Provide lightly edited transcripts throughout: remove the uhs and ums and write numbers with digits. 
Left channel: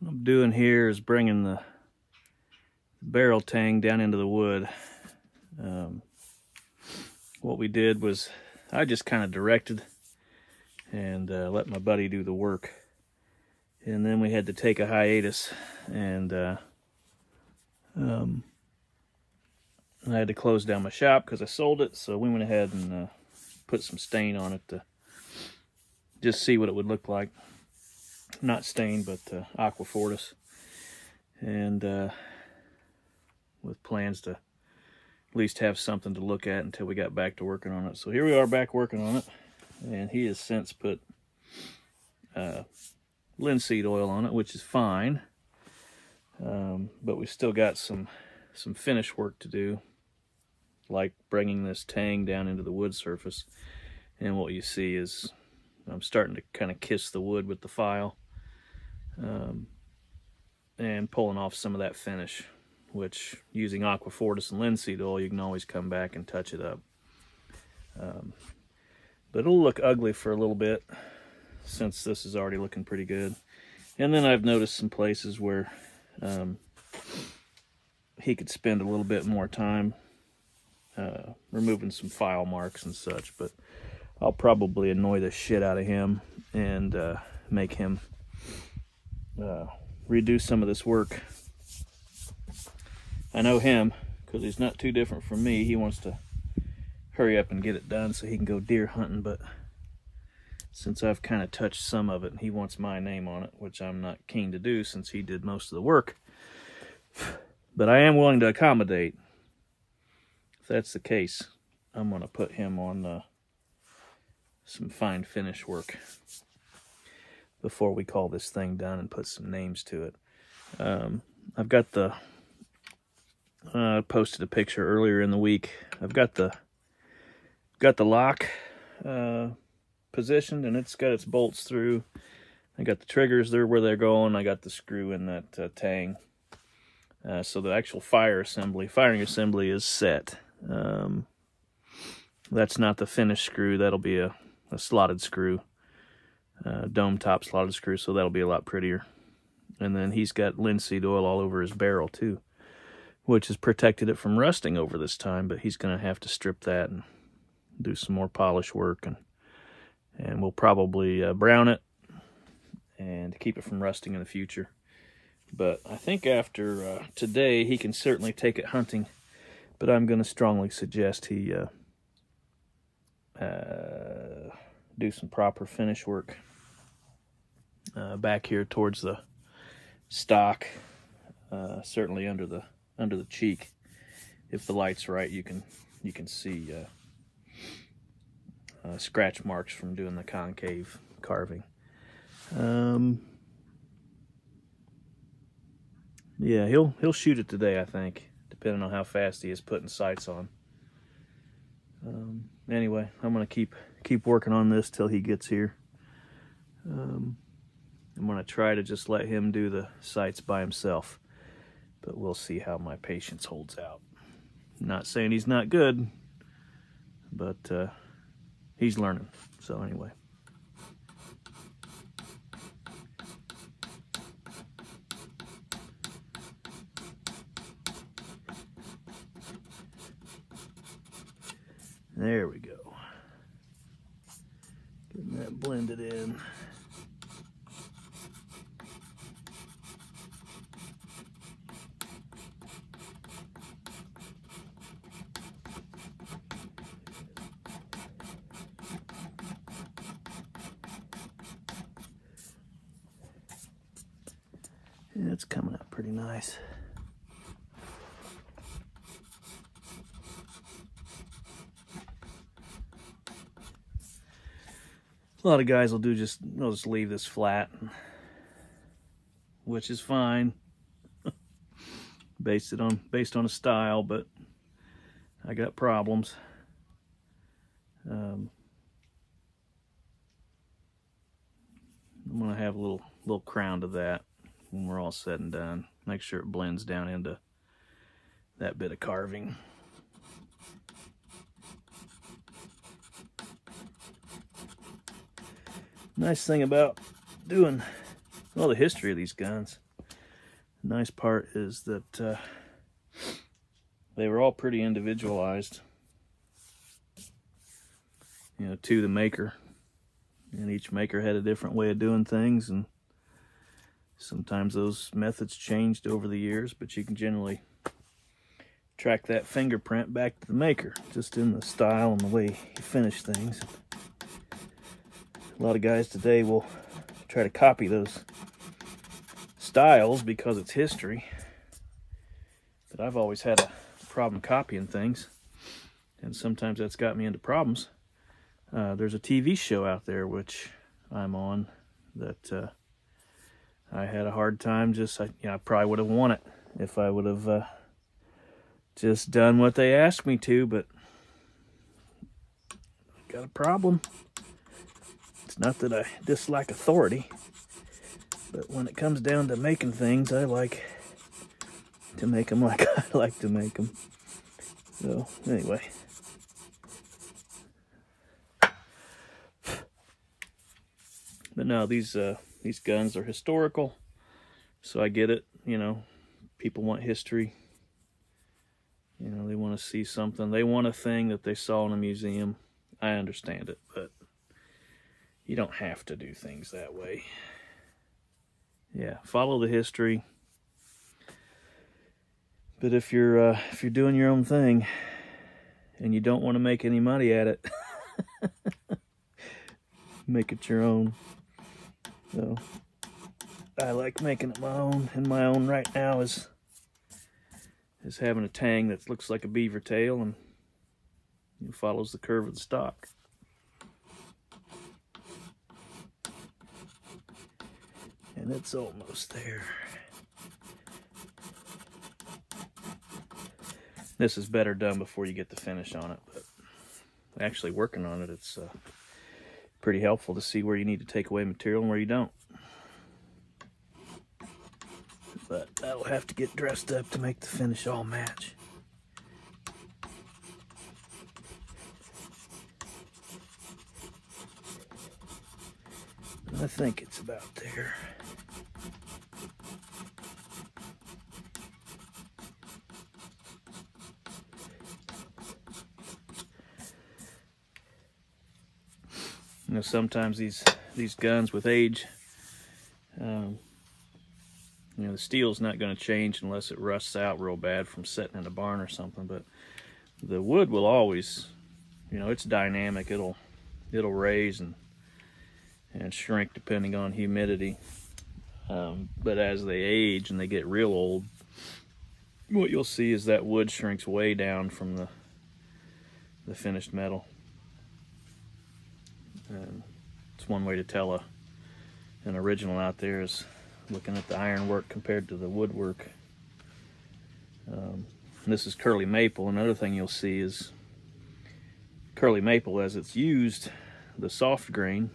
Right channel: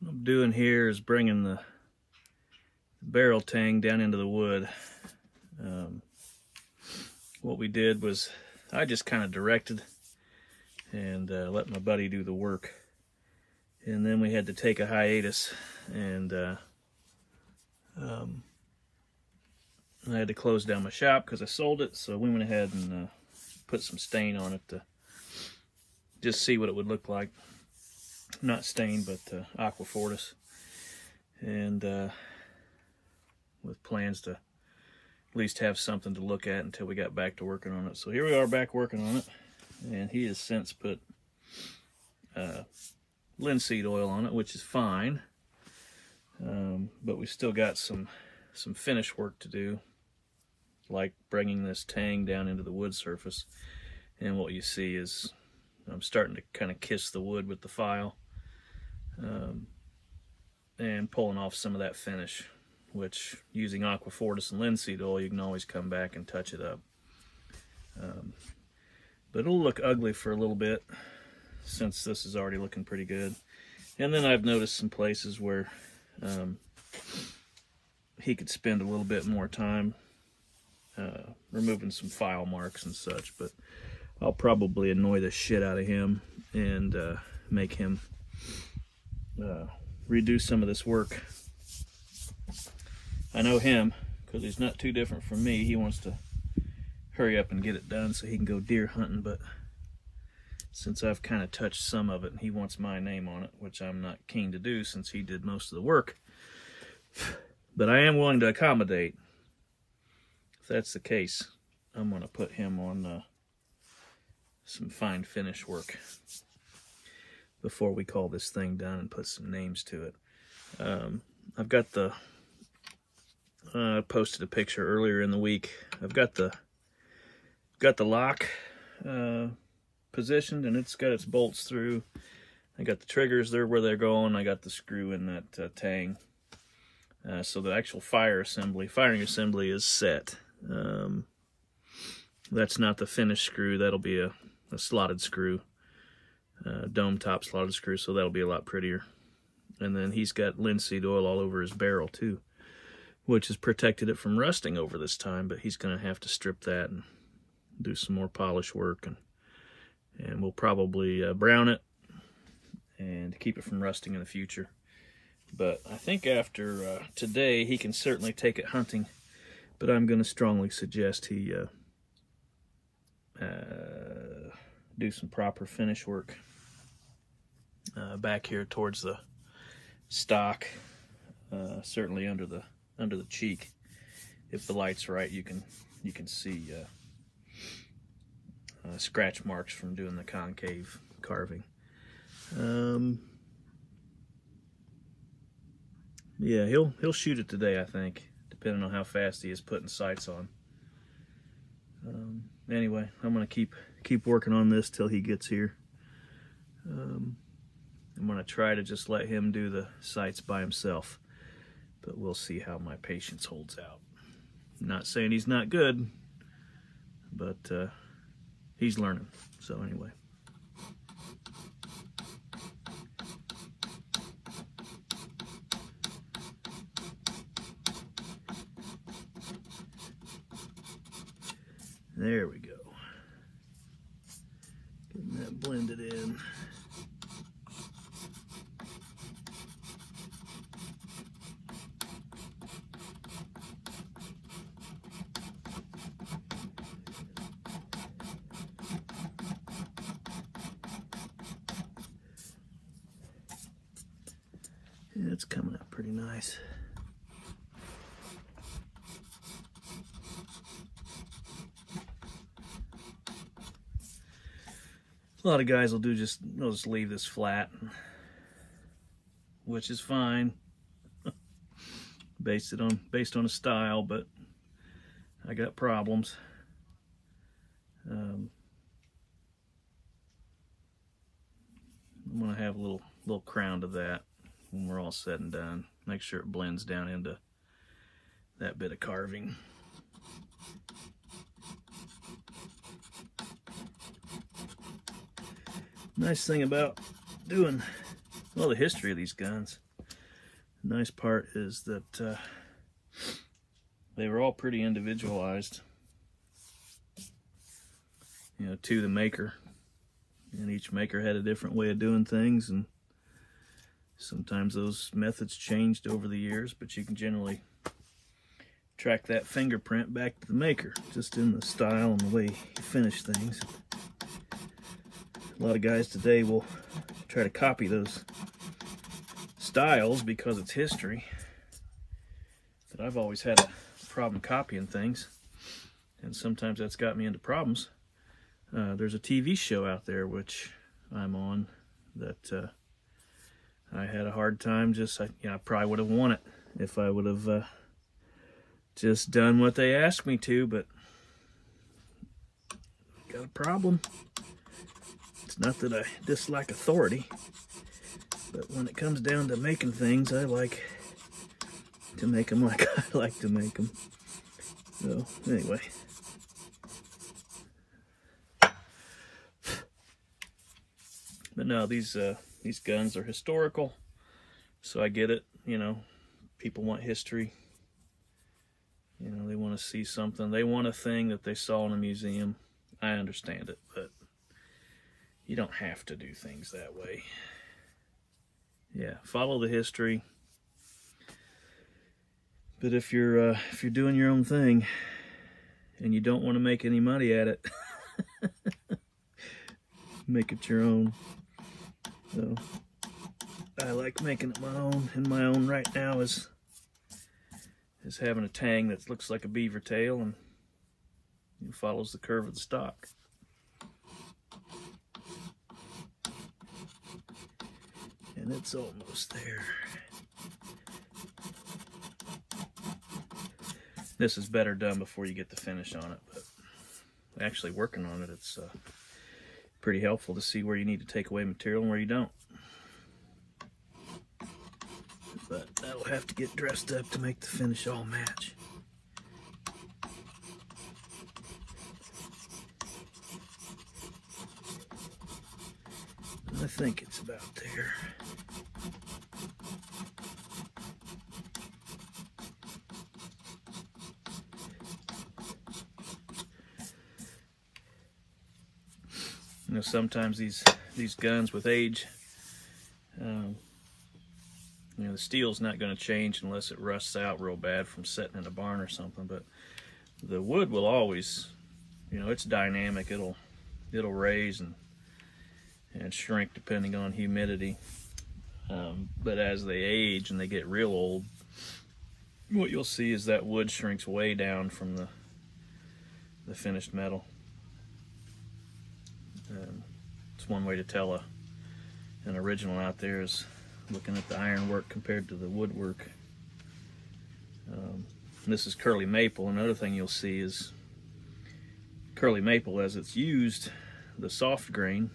What I'm doing here is bringing the barrel tang down into the wood. What we did was I just kind of directed and let my buddy do the work. And then we had to take a hiatus, and I had to close down my shop because I sold it. So we went ahead and put some stain on it to just see what it would look like. Not stain, but aqua fortis. And with plans to at least have something to look at until we got back to working on it. So here we are back working on it, and he has since put linseed oil on it, which is fine. But we still got some finish work to do, like bringing this tang down into the wood surface. And what you see is I'm starting to kind of kiss the wood with the file, and pulling off some of that finish, which using aqua fortis and linseed oil, you can always come back and touch it up. But it'll look ugly for a little bit since this is already looking pretty good. And then I've noticed some places where he could spend a little bit more time removing some file marks and such, but I'll probably annoy the shit out of him and make him redo some of this work. I know him, because he's not too different from me. He wants to hurry up and get it done so he can go deer hunting, but since I've kind of touched some of it, he wants my name on it, which I'm not keen to do since he did most of the work. But I am willing to accommodate. If that's the case, I'm going to put him on some fine finish work before we call this thing done and put some names to it. I've got the I posted a picture earlier in the week. I've got the lock positioned, and it's got its bolts through. I got the triggers there where they're going. I got the screw in that tang. So the actual firing assembly is set. That's not the finished screw. That'll be a slotted screw, dome top slotted screw, so that'll be a lot prettier. And then he's got linseed oil all over his barrel too, which has protected it from rusting over this time, but he's going to have to strip that and do some more polish work, and we'll probably brown it and keep it from rusting in the future. But I think after today, he can certainly take it hunting, but I'm going to strongly suggest he do some proper finish work back here towards the stock, certainly under the cheek. If the light's right, you can see scratch marks from doing the concave carving. Yeah, he'll shoot it today, I think, depending on how fast he is putting sights on. Anyway, I'm gonna keep working on this till he gets here. I'm gonna try to just let him do the sights by himself, but we'll see how my patience holds out. Not saying he's not good, but he's learning. So anyway. There we go. Getting that blended in. Yeah, it's coming out pretty nice. A lot of guys will they'll just leave this flat, which is fine, based on a style, but I got problems. I'm gonna have a little crown to that when we're all said and done. Make sure it blends down into that bit of carving. Nice thing about doing well, the history of these guns. The nice part is that they were all pretty individualized, you know, to the maker. And each maker had a different way of doing things, and sometimes those methods changed over the years, but you can generally track that fingerprint back to the maker, just in the style and the way you finish things. A lot of guys today will try to copy those styles because it's history, but I've always had a problem copying things, and sometimes that's got me into problems. There's a TV show out there which I'm on that I had a hard time I probably would have won it if I would have just done what they asked me to, but got a problem. It's not that I dislike authority, but when it comes down to making things, I like to make them like I like to make them. So, anyway. But no, these guns are historical, so I get it. You know, people want history. You know, they want to see something. They want a thing that they saw in a museum. I understand it, but you don't have to do things that way. Yeah, follow the history. But if you're doing your own thing and you don't want to make any money at it, make it your own. So I like making it my own, and my own right now is having a Tang that looks like a beaver tail and follows the curve of the stock. And it's almost there. This is better done before you get the finish on it, but actually working on it, it's pretty helpful to see where you need to take away material and where you don't. But I'll have to get dressed up to make the finish all match. I think it's about there. You know, sometimes these guns with age, you know, the steel's not going to change unless it rusts out real bad from sitting in a barn or something. But the wood will always, you know, it's dynamic. It'll raise and shrink depending on humidity. But as they age and they get real old, what you'll see is that wood shrinks way down from the finished metal. It's one way to tell an original out there is looking at the ironwork compared to the woodwork. This is curly maple. Another thing you'll see is curly maple, as it's used, the soft grain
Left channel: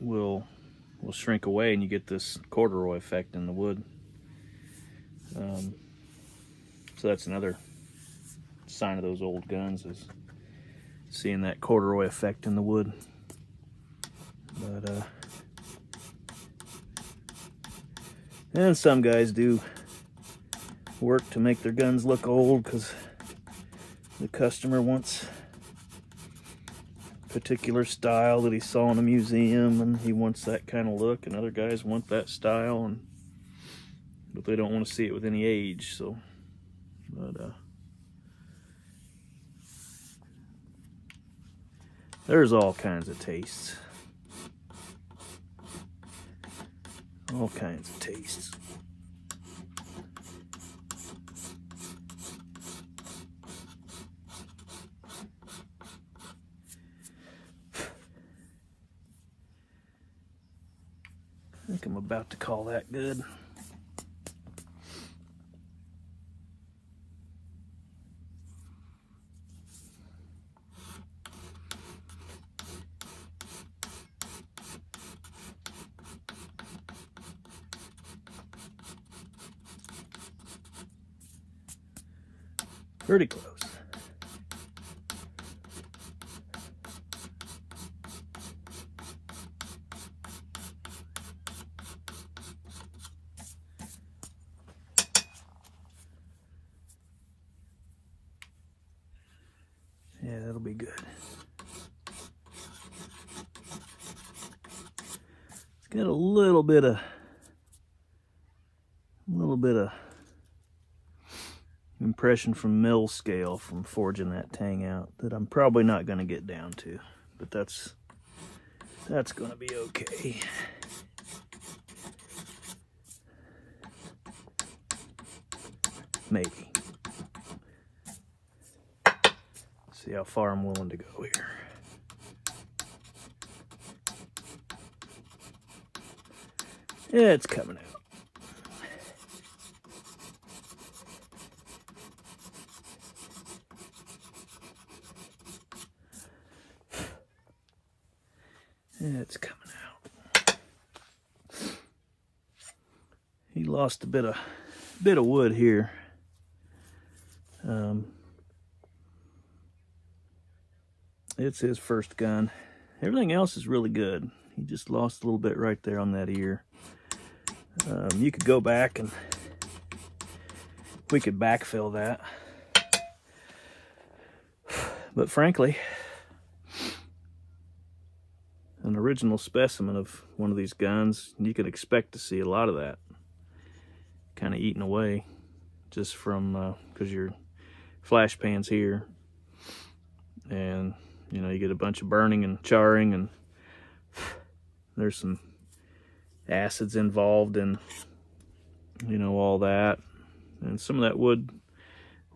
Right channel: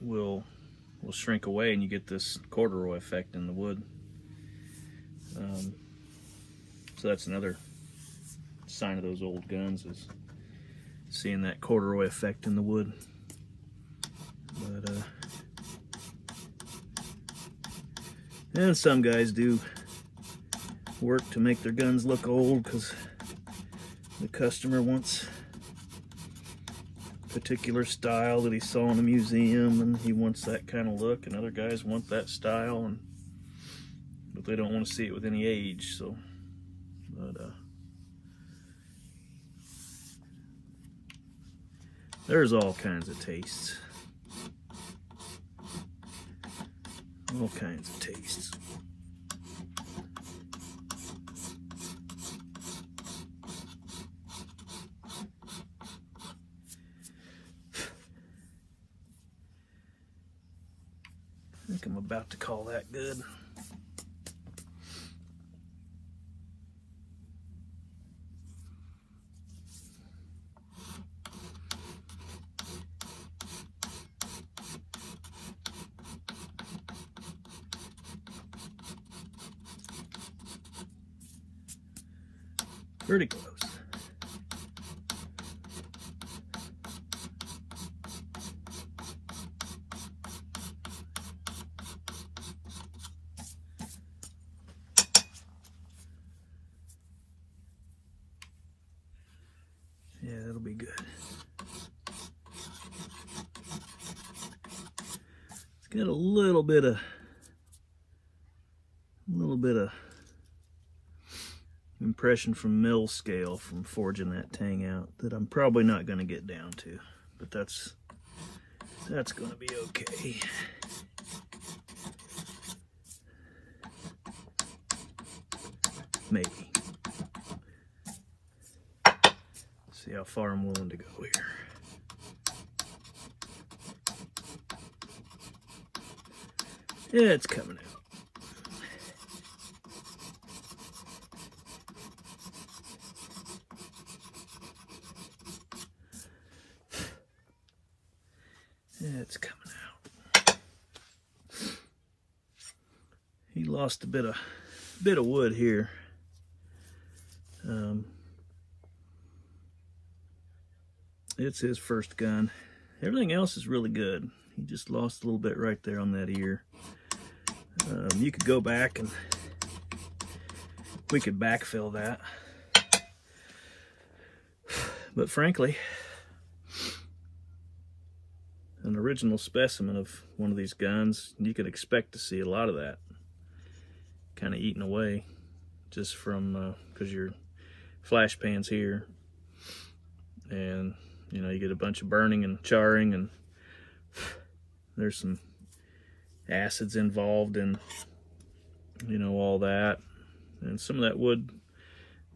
will shrink away, and you get this corduroy effect in the wood. So that's another sign of those old guns, is seeing that corduroy effect in the wood. But and some guys do work to make their guns look old because the customer wants a particular style that he saw in a museum, and he wants that kind of look, and other guys want that style, but they don't want to see it with any age. So, but there's all kinds of tastes. All kinds of tastes. I think I'm about to call that good. Pretty close. Yeah, that'll be good. It's got a little bit of impression from mill scale from forging that Tang out that I'm probably not going to get down to, but that's going to be okay. Maybe. See how far I'm willing to go here. Yeah, it's coming out. Yeah, it's coming out. He lost a bit of wood here. It's his first gun. Everything else is really good. He just lost a little bit right there on that ear. You could go back and we could backfill that. But frankly, an original specimen of one of these guns, you could expect to see a lot of that kind of eaten away just from, because your flash pan's here, and you know, you get a bunch of burning and charring, and there's some acids involved in, you know, all that, and some of that wood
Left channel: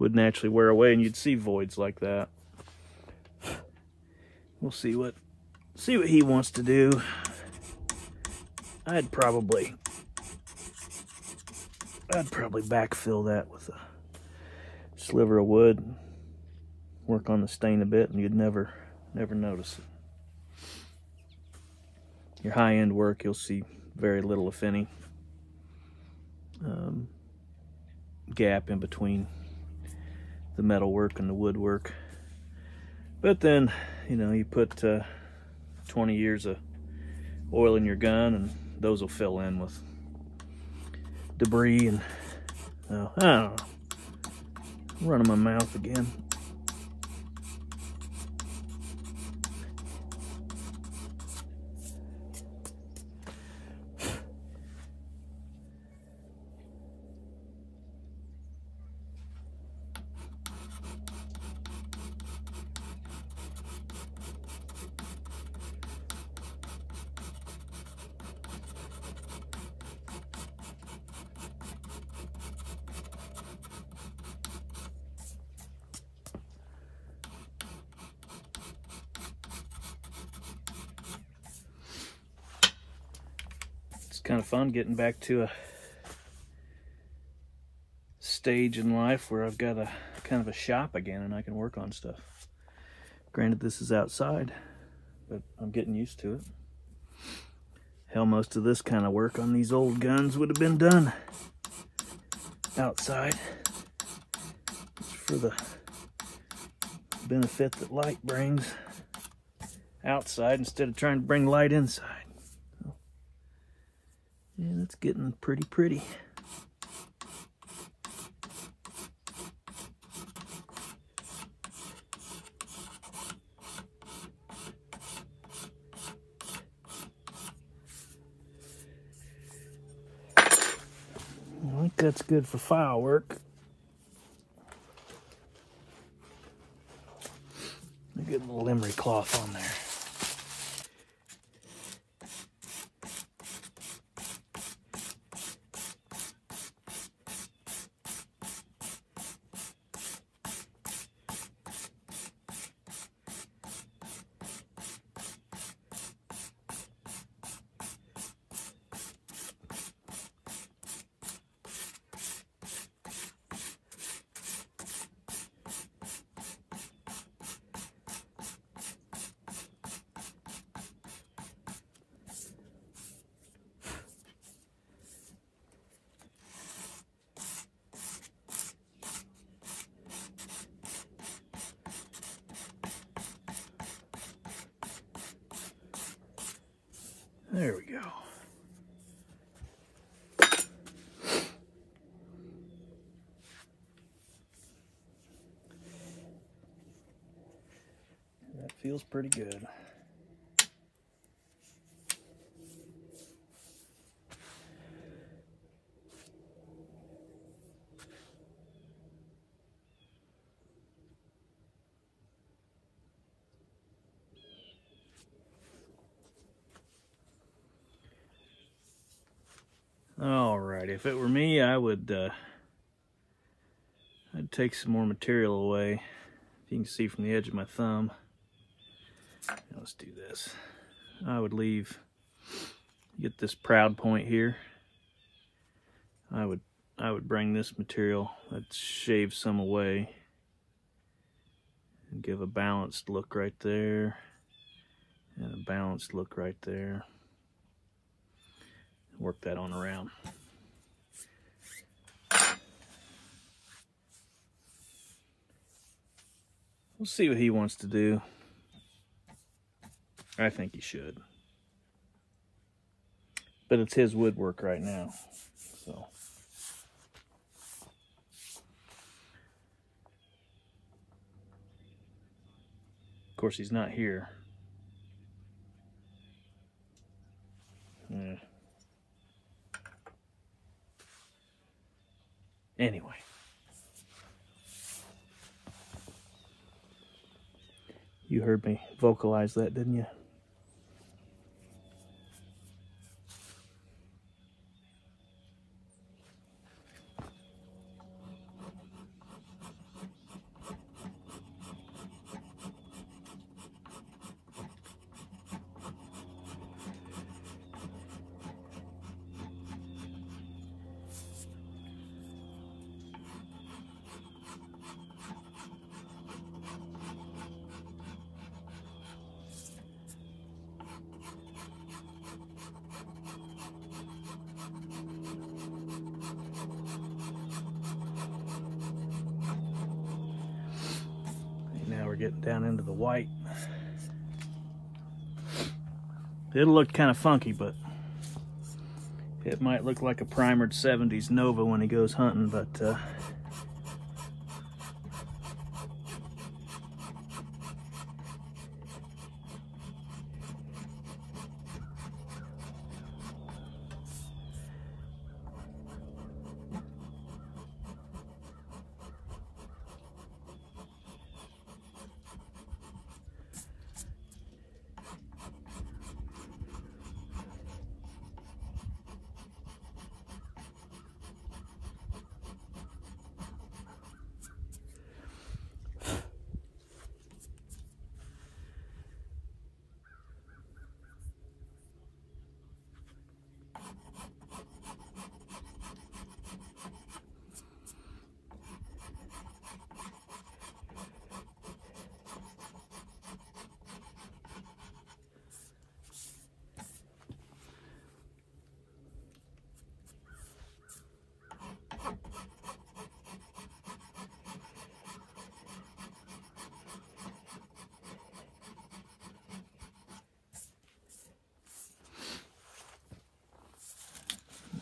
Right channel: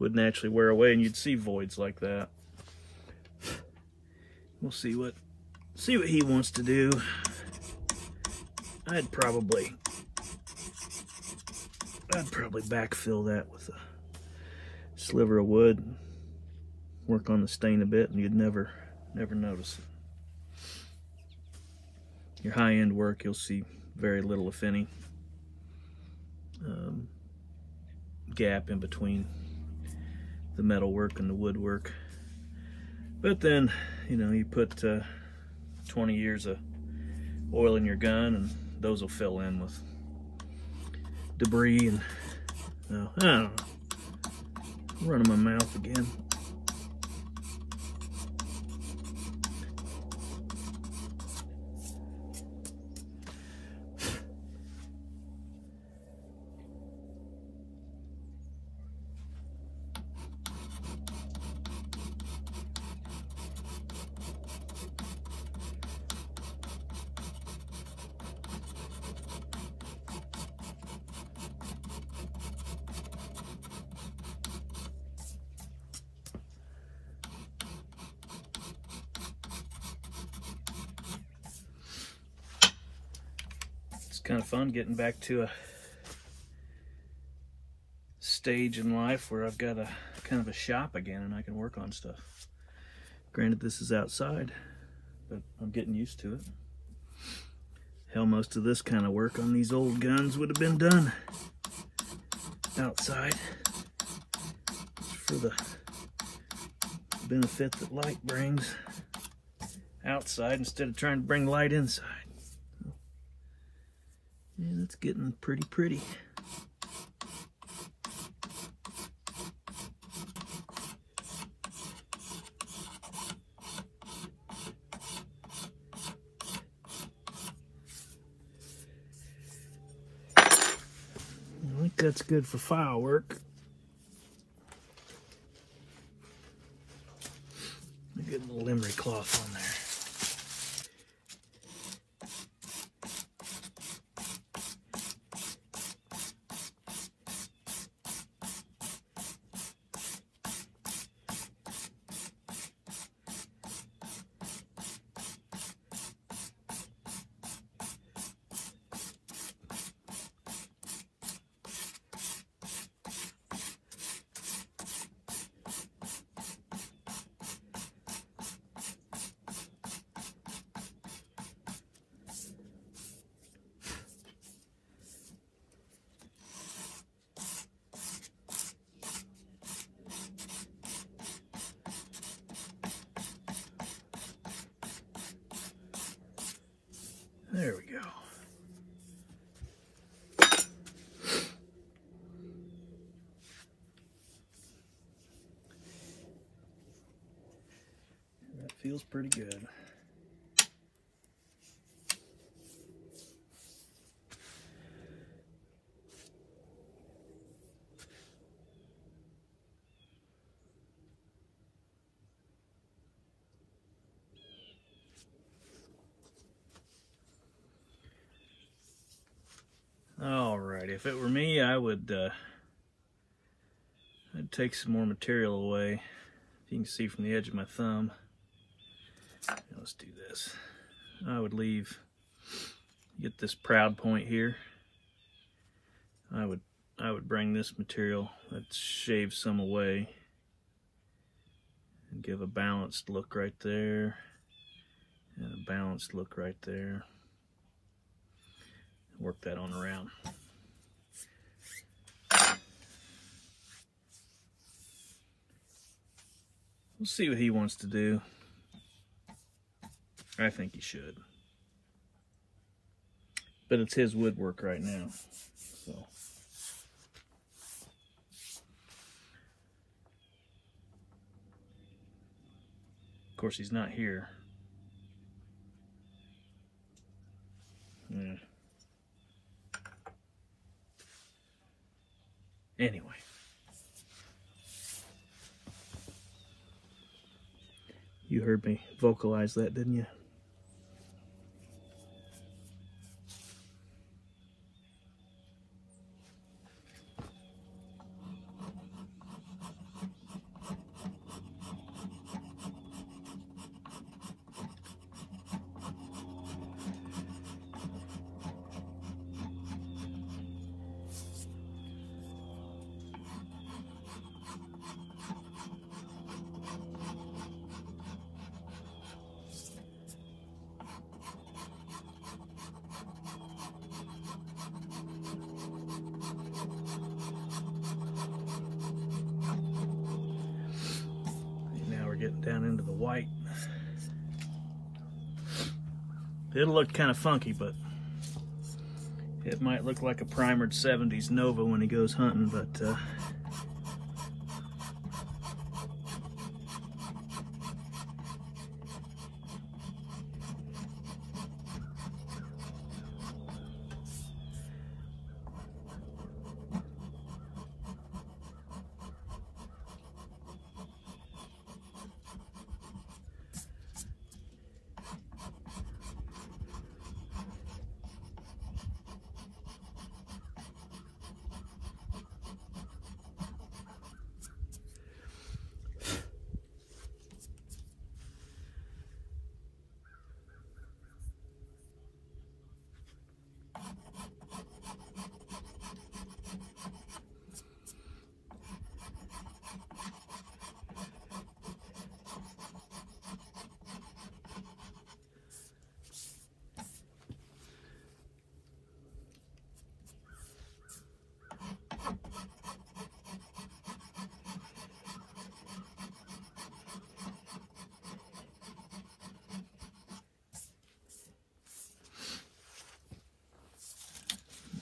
would naturally wear away and you'd see voids like that. We'll see what he wants to do. I'd probably backfill that with a sliver of wood, work on the stain a bit, and you'd never notice it. Your high-end work, you'll see very little, if any, gap in between the metal work and the woodwork. But then, you know, you put 20 years of oil in your gun, and those will fill in with debris. And I don't know, I'm running my mouth again. Kind of fun getting back to a stage in life where I've got a kind of a shop again and I can work on stuff. Granted, this is outside, but I'm getting used to it. Hell, most of this kind of work on these old guns would have been done outside, just for the benefit that light brings outside instead of trying to bring light inside. And it's getting pretty. I think that's good for file work. Get a little emery cloth on there. There we go. feels pretty good. Alright, if it were me, I'd take some more material away. You can see from the edge of my thumb. Let's do this. I would get this proud point here. I would bring this material, let's shave some away and give a balanced look right there and a balanced look right there. Work that on around. We'll see what he wants to do. I think he should. But it's his woodwork right now, so. Of course, he's not here. Anyway. You heard me vocalize that, didn't you? Getting down into the white. It'll look kind of funky, but it might look like a primered 70s Nova when he goes hunting, but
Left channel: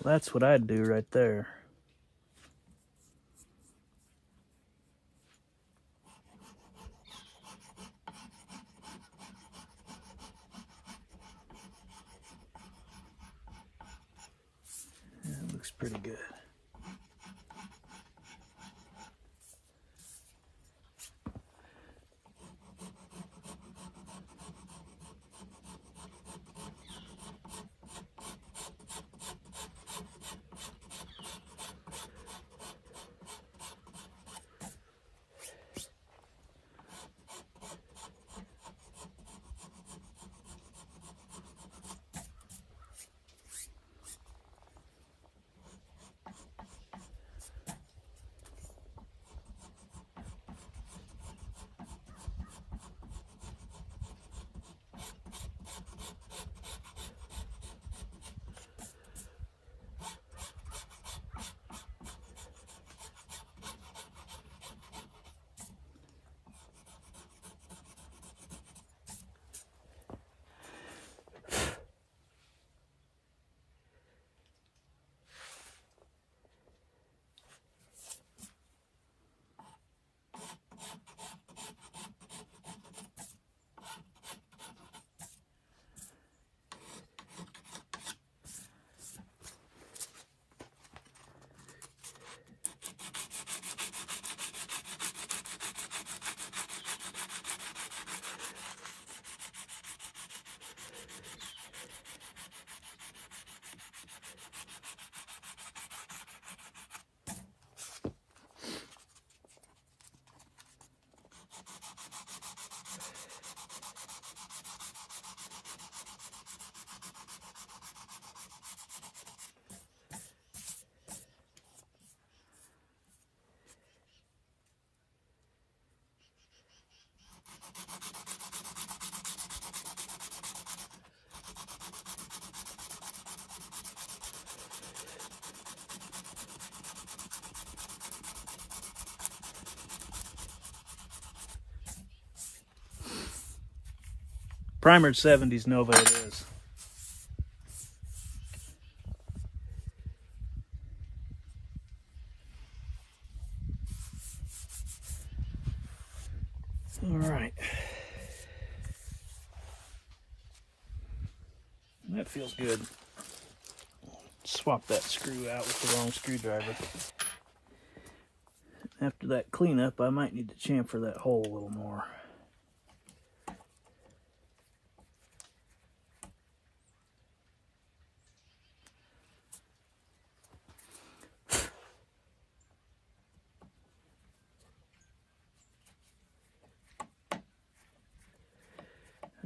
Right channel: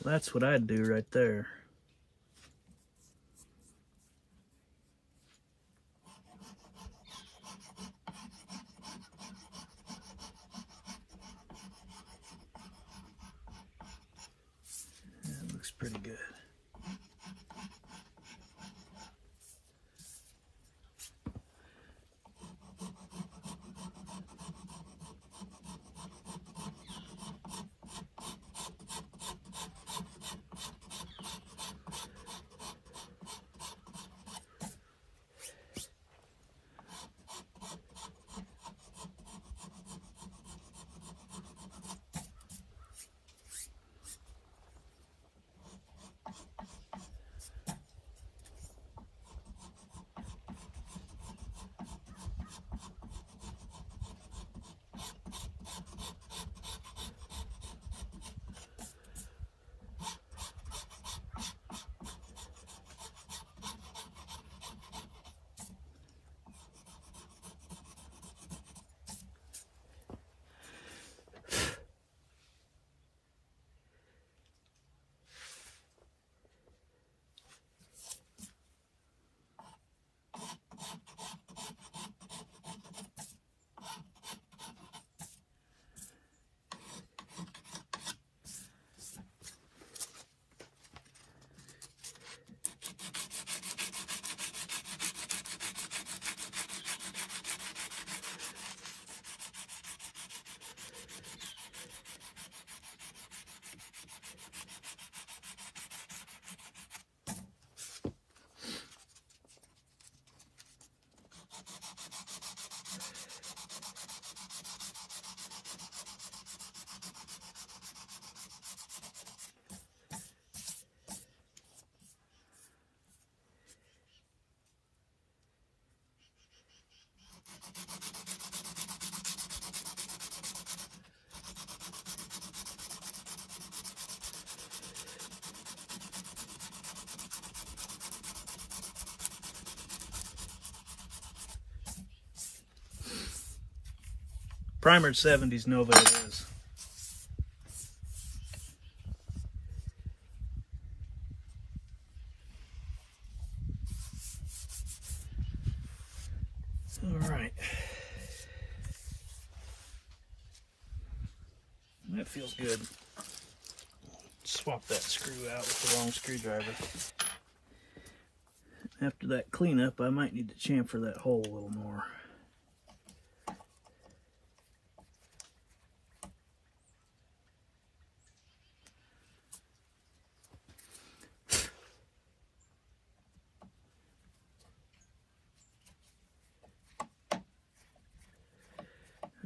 that's what I'd do right there. That looks pretty good. Primered 70s Nova it is. All right. That feels good. Swap that screw out with the wrong screwdriver. After that cleanup, I might need to chamfer that hole a little more.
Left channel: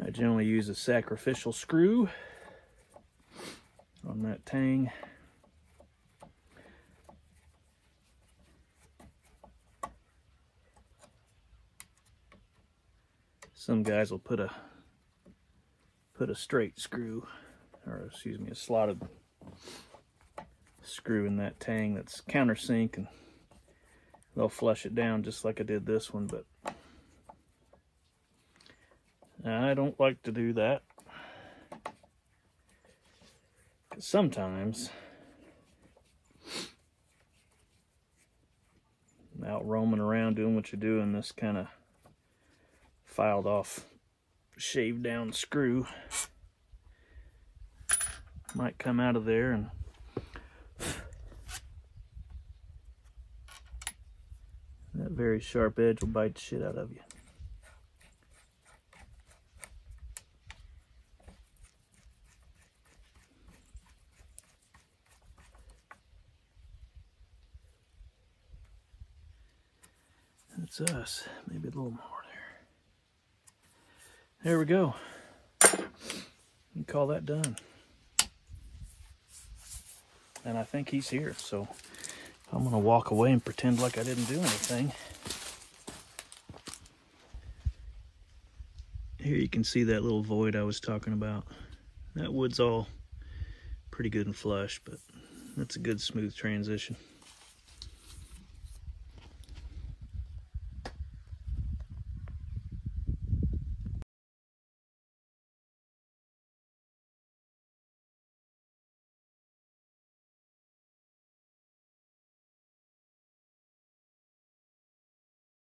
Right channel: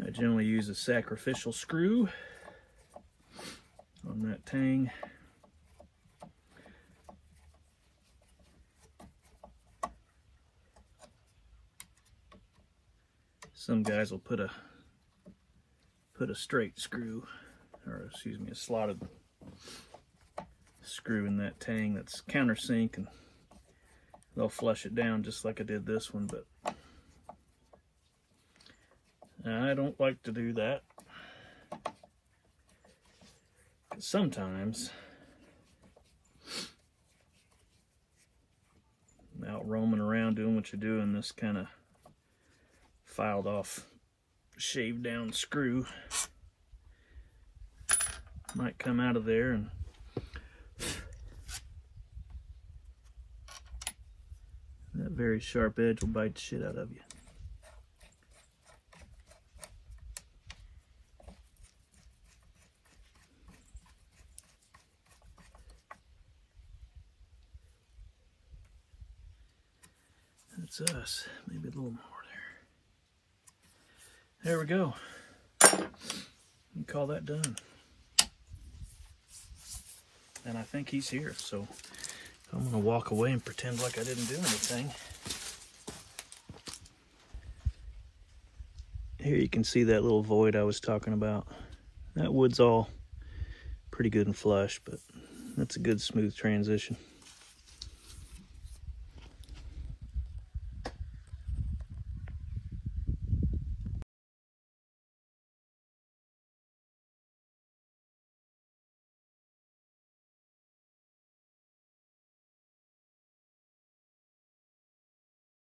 I generally use a sacrificial screw on that Tang. Some guys will put a straight screw, or excuse me, a slotted screw in that Tang that's countersink, and they'll flush it down just like I did this one, but I don't like to do that. Sometimes out roaming around doing what you do, and this kind of filed off, shaved down screw might come out of there, and that very sharp edge will bite the shit out of you. That's us. Maybe a little more there. There we go. You call that done. And I think he's here, so I'm going to walk away and pretend like I didn't do anything. Here you can see that little void I was talking about. That wood's all pretty good and flush, but that's a good smooth transition.